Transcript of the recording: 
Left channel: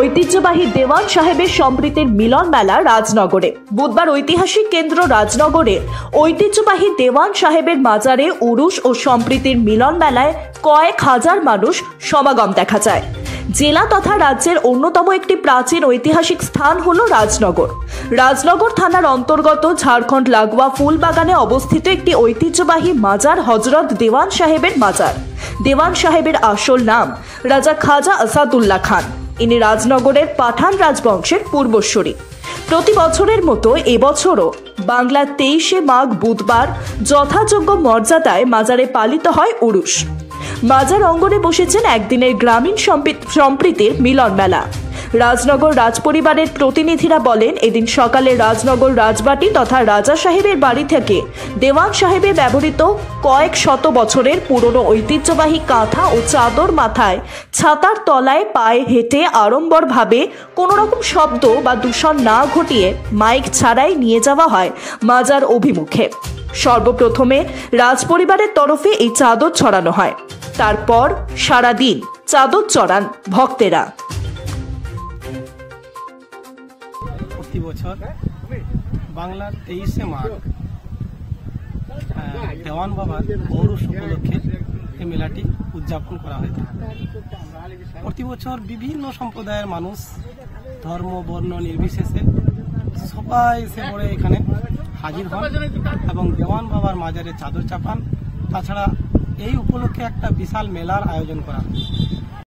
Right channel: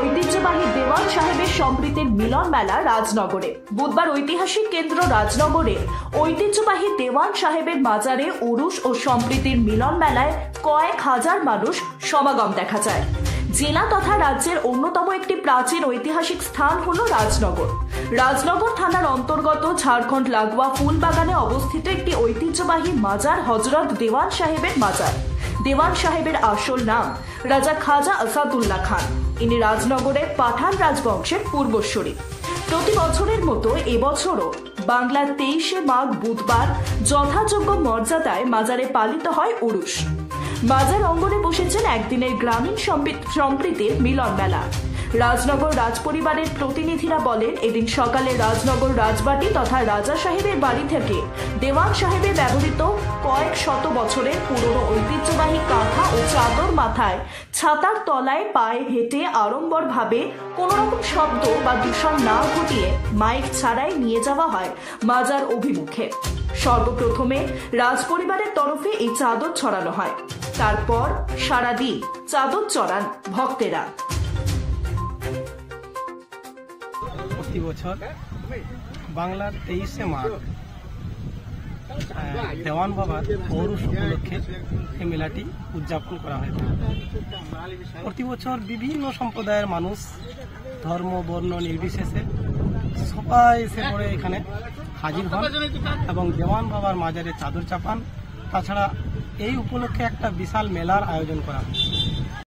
ঐতিহ্যবাহী দেওয়ান সাহেবের সম্প্রীতির মিলন মেলা রাজনগরে। বুধবার ঐতিহাসিক কেন্দ্র রাজনগরে ঐতিহ্যবাহী দেওয়ান সাহেবের মাজারে উরুস ও সম্প্রীতির মিলন মেলায় কয়েক হাজার মানুষ সমাগম দেখা যায়। জেলা তথা রাজ্যের অন্যতম একটি প্রাচীন ঐতিহাসিক স্থান হল রাজনগর। রাজনগর থানার অন্তর্গত ঝাড়খণ্ড লাগোয়া ফুলবাগানে অবস্থিত একটি ঐতিহ্যবাহী মাজার হযরত দেওয়ান সাহেবের মাজার। দেওয়ান সাহেবের আসল নাম রাজা খাজা আসাদুল্লাহ খান। ইনি রাজনগরের পাঠান রাজবংশের পূর্বসূরি। প্রতি বছরের মতো এবছরও বাংলার 23শে মাঘ বুধবার যথাযোগ্য মর্যাদায় মাজারে পালিত হয় উরুস। মাজার অঙ্গনে বসেছেন একদিনের গ্রামীণ সম্প্রীতির মিলন মেলা। রাজনগর রাজপরিবারের প্রতিনিধিরা বলেন, এদিন সকালে রাজনগর রাজবাটি তথা রাজা সাহেবের বাড়ি থেকে দেওয়ান সাহেবে ব্যবহৃত কয়েক শত বছরের পুরনো ঐতিহ্যবাহী কাঁথা ও চাদর মাথায় ছাতার তলায় পায়ে হেঁটে আড়ম্বরভাবে কোনো রকম শব্দ বা দূষণ না ঘটিয়ে মাইক ছাড়াই নিয়ে যাওয়া হয় মাজার অভিমুখে। সর্বপ্রথমে রাজপরিবারের তরফে এই চাদর ছড়ানো হয়। তারপর সারাদিন চাদর চড়ান ভক্তেরা। প্রতি বছর বাংলার 23শে মাঘ দেওয়ান বাবার পৌরুষ উপলক্ষে এই মেলাটি উদযাপন করা হয়ে থাকে। প্রতি বছর বিভিন্ন সম্প্রদায়ের মানুষ ধর্ম বর্ণ নির্বিশেষে সবাই এসে পড়ে এখানে হাজির হন এবং দেওয়ান বাবার মাজারে চাদর চাপান। তাছাড়া এই উপলক্ষে একটা বিশাল মেলার আয়োজন করা হয়।